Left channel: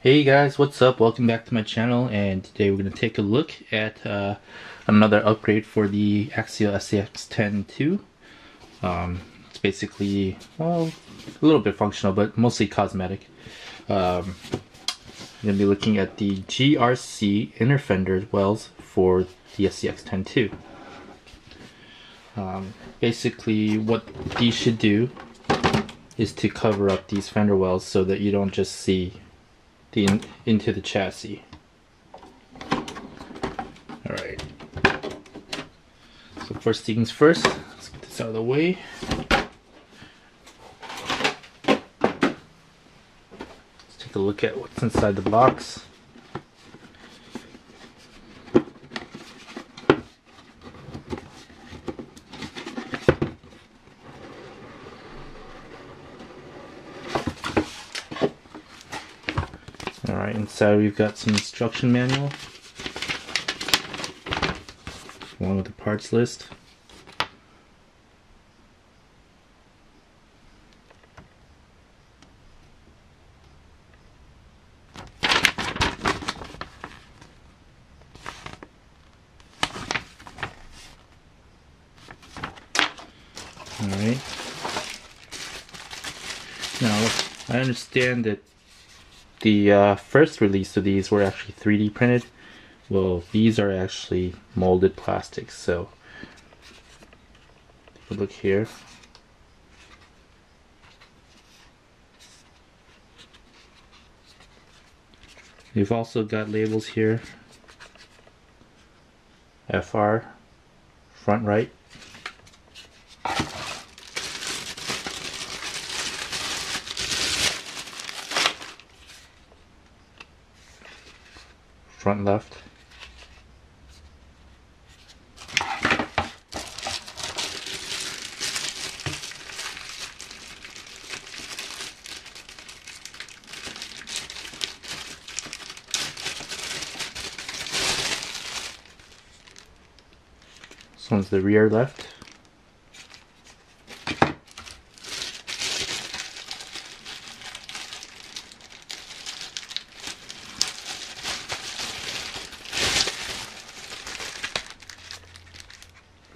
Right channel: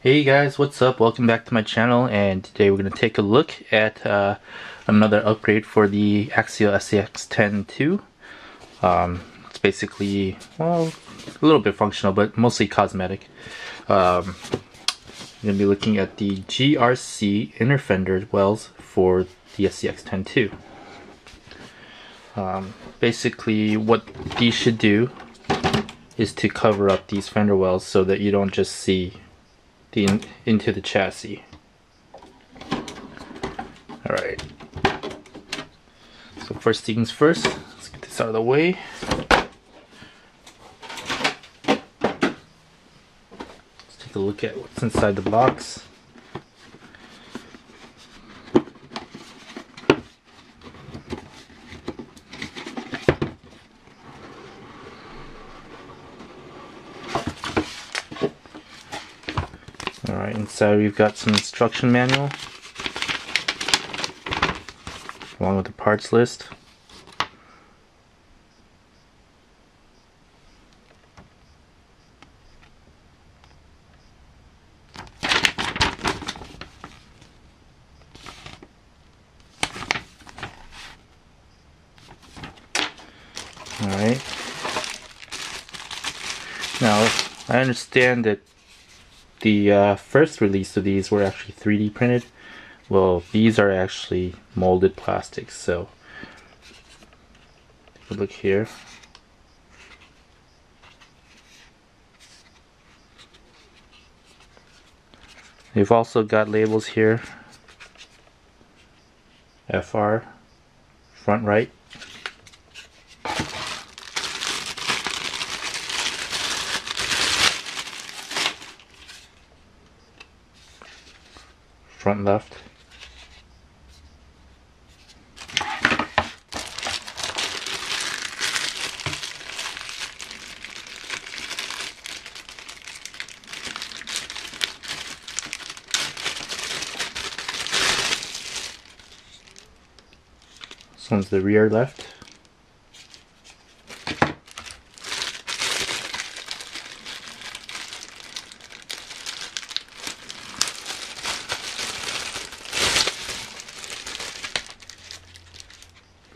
Hey guys, what's up? Welcome back to my channel, and today we're going to take a look at another upgrade for the Axial SCX10 2. It's basically, well, a little bit functional, but mostly cosmetic. I'm going to be looking at the GRC Inner Fenders wells for the SCX10 2. Basically, what these should do is to cover up these fender wells so that you don't just see into the chassis. Alright, so first things first, let's get this out of the way. Let's take a look at what's inside the box. Alright, inside we've got some instruction manual along with the parts list. Alright. Now, I understand that the first release of these were actually 3D printed. Well, these are actually molded plastics, so take a look here. We've also got labels here. FR, front right. Front left. This one's the rear left.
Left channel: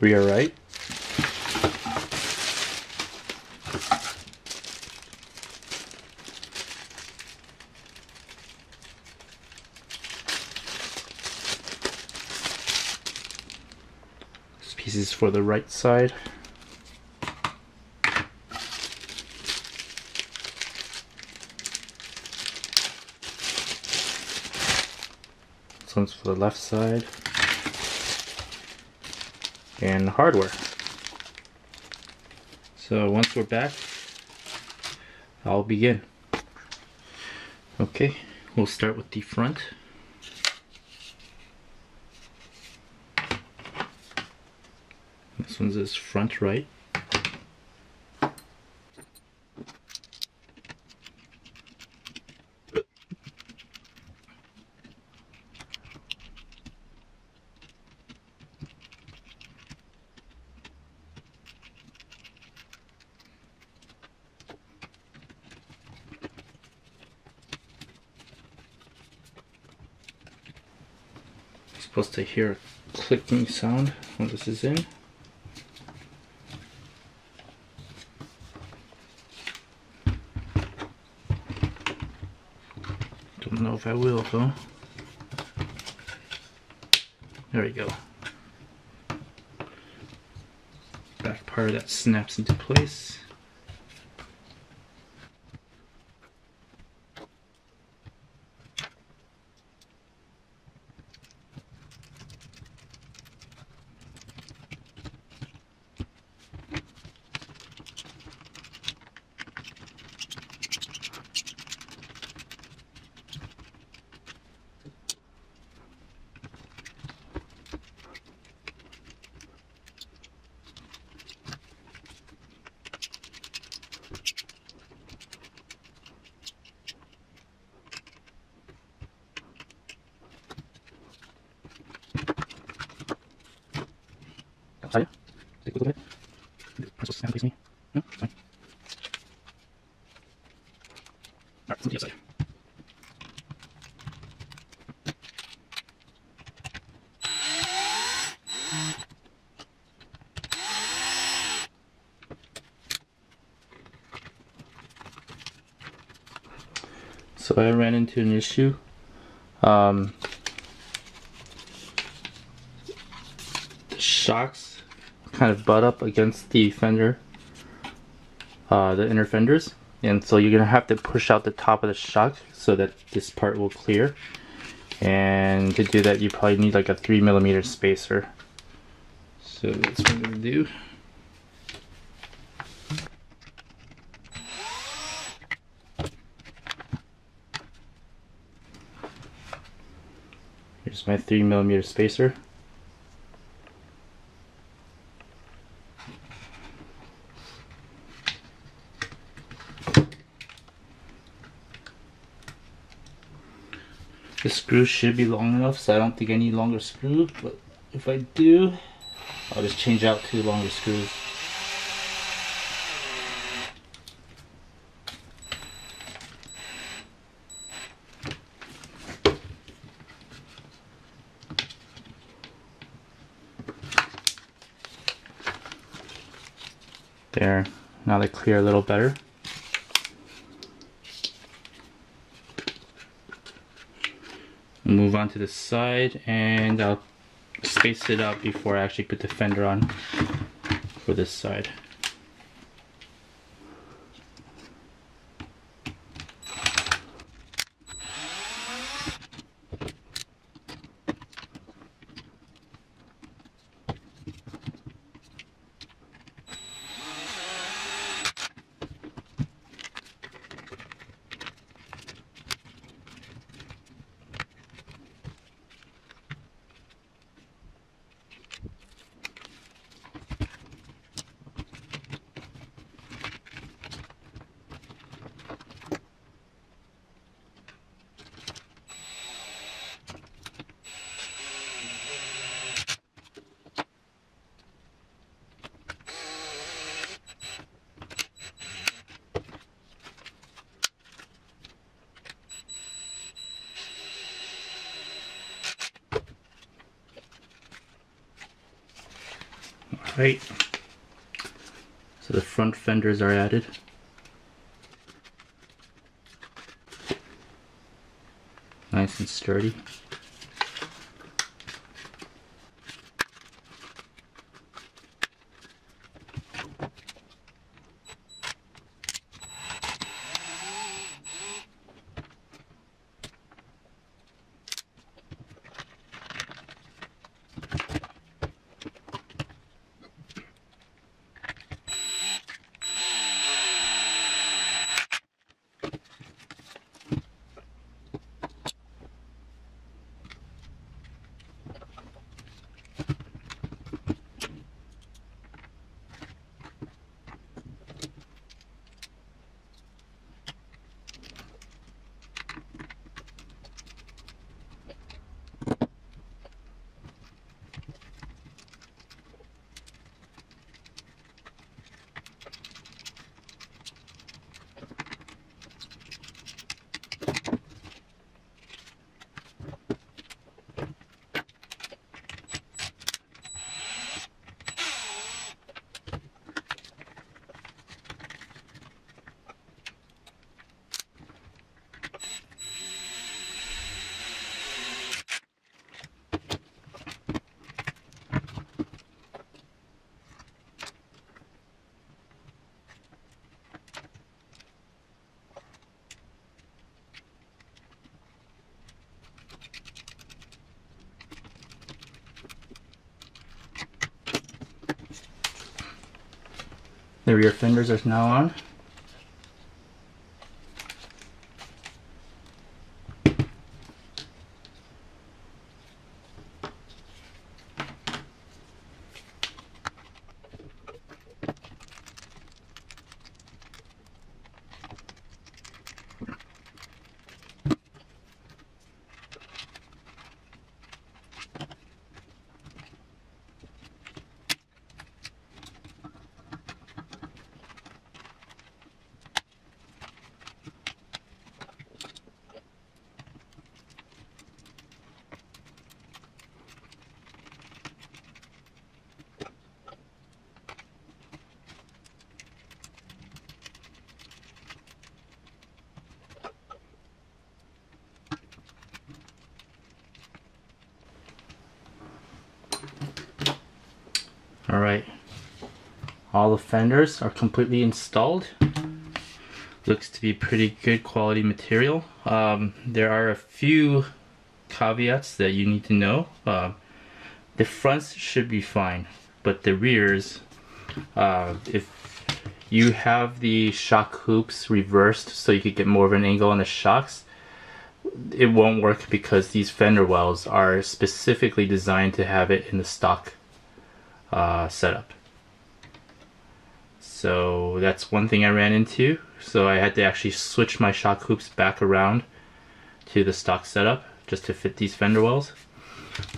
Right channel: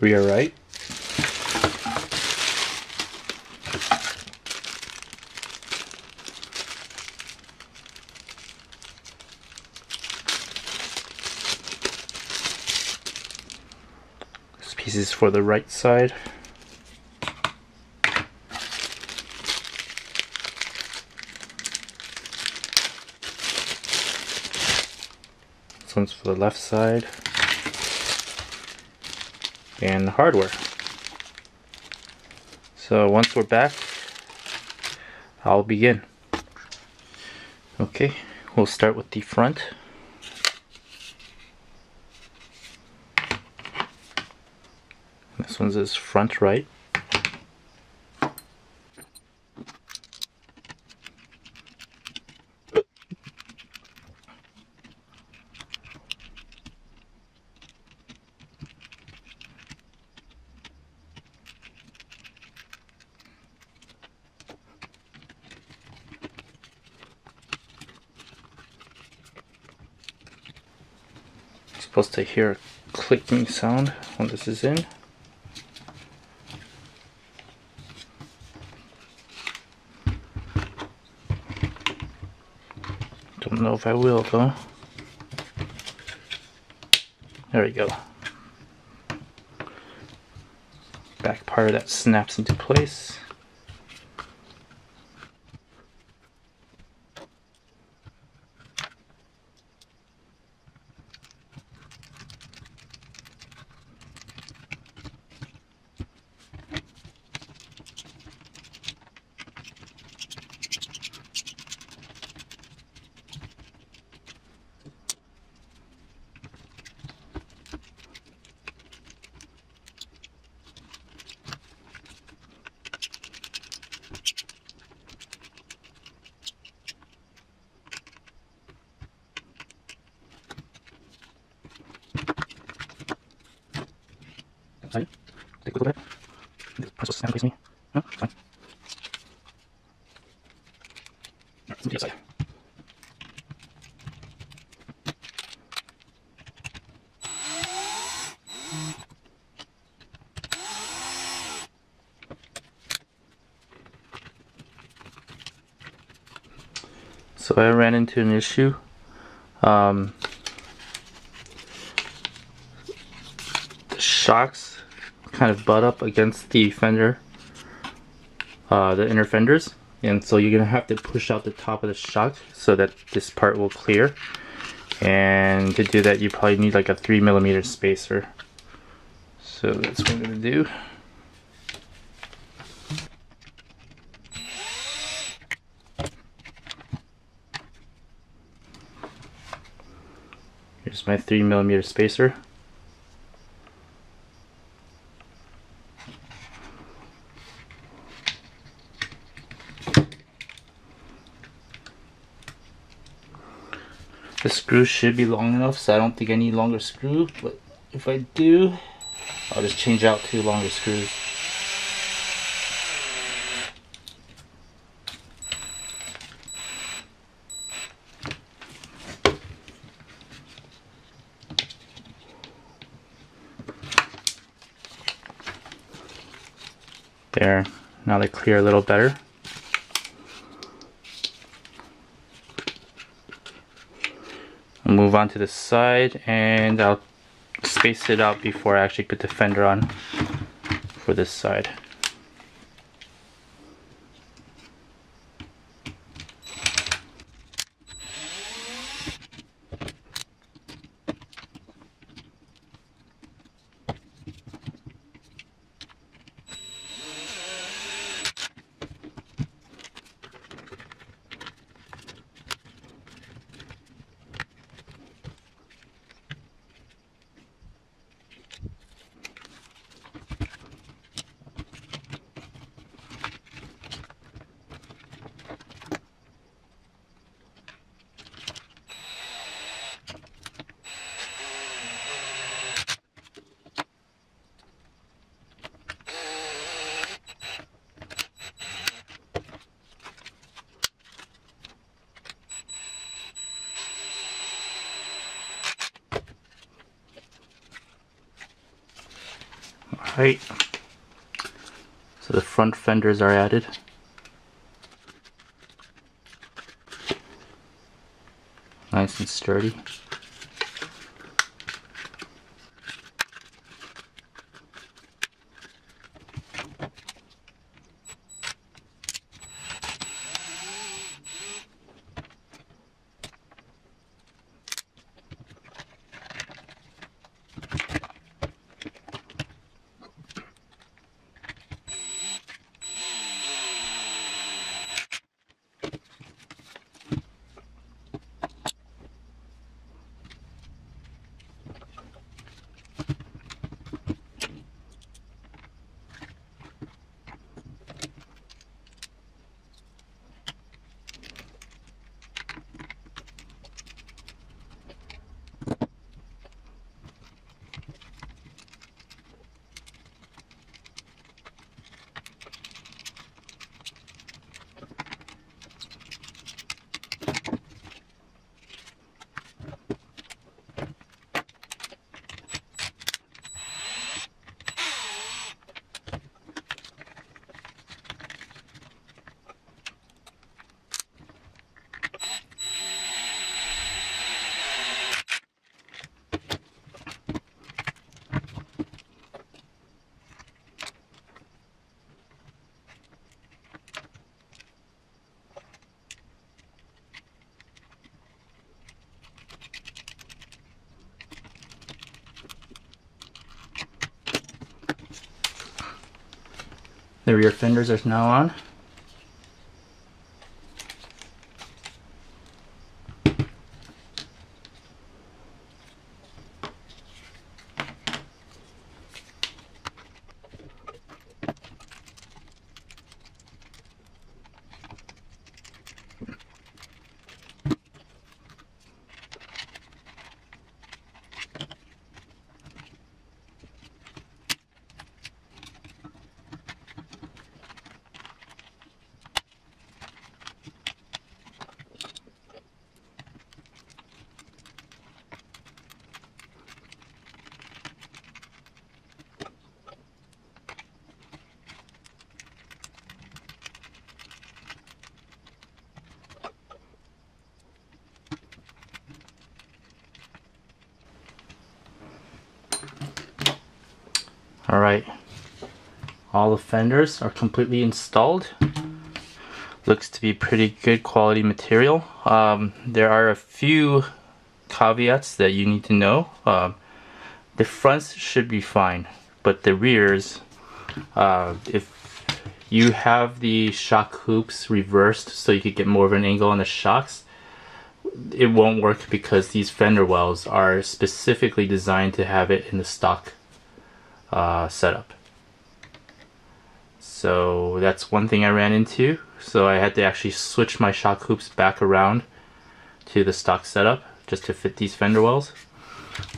Rear right. This piece is for the right side. This one's for the left side. And hardware. So once we're back, I'll begin. Okay, we'll start with the front. This one says front right. Supposed to hear a clicking sound when this is in. Don't know if I will though. There we go. Back part of that snaps into place. Take a look at it. The pencil snap against me. No, it's fine. Alright, let's move to the other side. So I ran into an issue. The shocks kind of butt up against the fender, the inner fenders, and so you're gonna have to push out the top of the shock so that this part will clear. And to do that, you probably need like a 3mm spacer. So that's what I'm gonna do. Here's my 3mm spacer. The screw should be long enough, so I don't think I need longer screw, but if I do, I'll just change out 2 longer screws. There, now they clear a little better. I'll move on to the side, and I'll space it out before I actually put the fender on for this side. Alright, so the front fenders are added. Nice and sturdy. The rear fenders are now on. Alright, all the fenders are completely installed. Looks to be pretty good quality material. There are a few caveats that you need to know. The fronts should be fine, but the rears, if you have the shock hoops reversed so you could get more of an angle on the shocks, it won't work because these fender wells are specifically designed to have it in the stock setup. So that's one thing I ran into. So I had to actually switch my shock hoops back around to the stock setup just to fit these fender wells.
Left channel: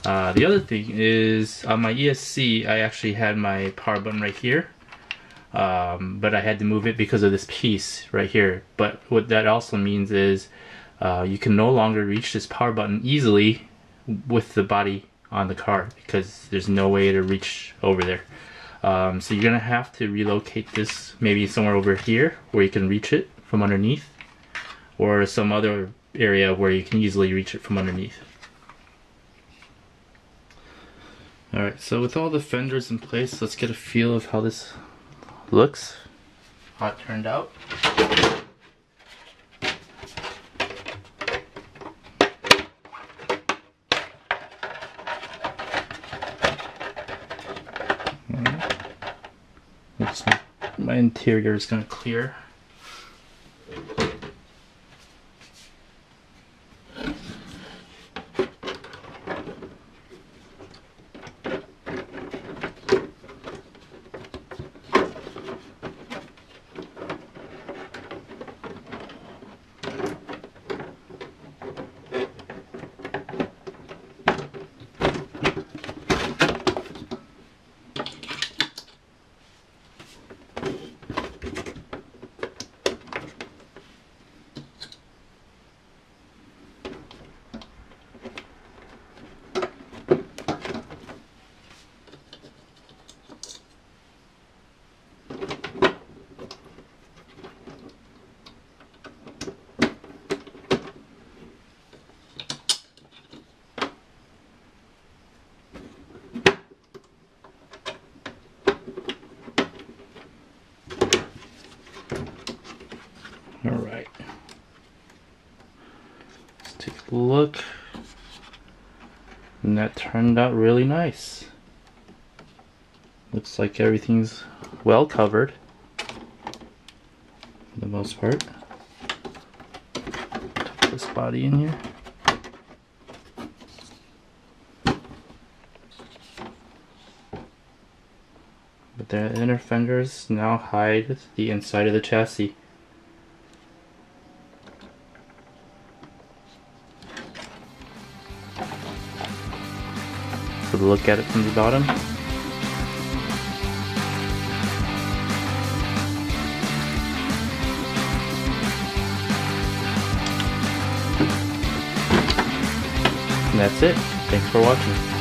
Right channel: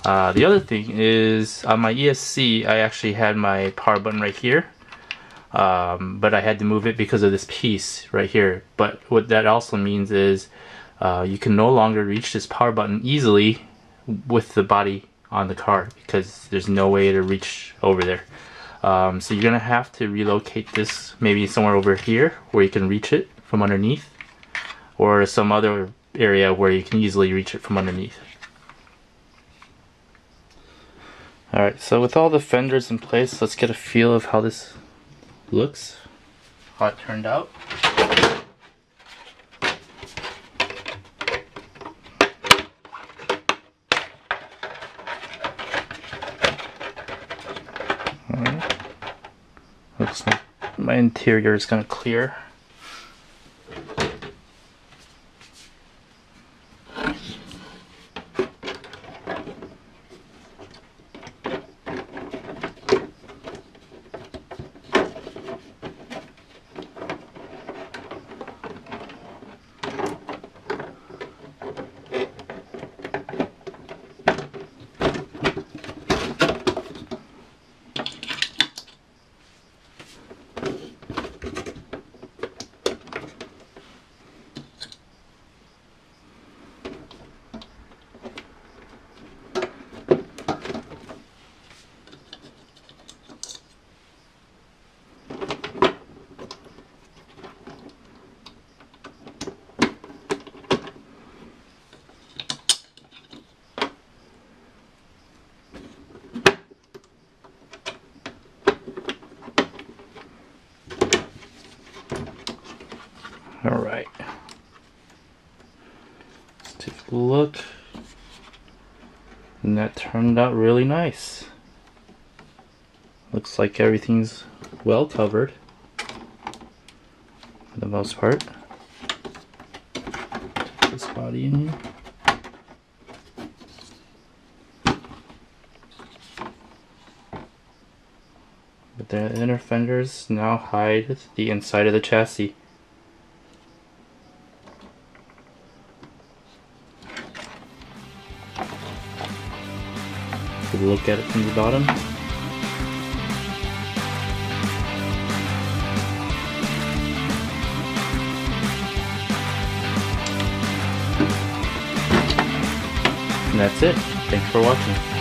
The other thing is on my ESC I actually had my power button right here, but I had to move it because of this piece right here. But what that also means is you can no longer reach this power button easily with the body on the car because there's no way to reach over there. So you're gonna have to relocate this maybe somewhere over here where you can reach it from underneath, or some other area where you can easily reach it from underneath. Alright, so with all the fenders in place, let's get a feel of how this looks, how it turned out. Looks like my interior is going to clear. Alright, let's take a look, and that turned out really nice. Looks like everything's well covered for the most part. Put this body in here. But the inner fenders now hide the inside of the chassis. Look at it from the bottom. And that's it. Thanks for watching.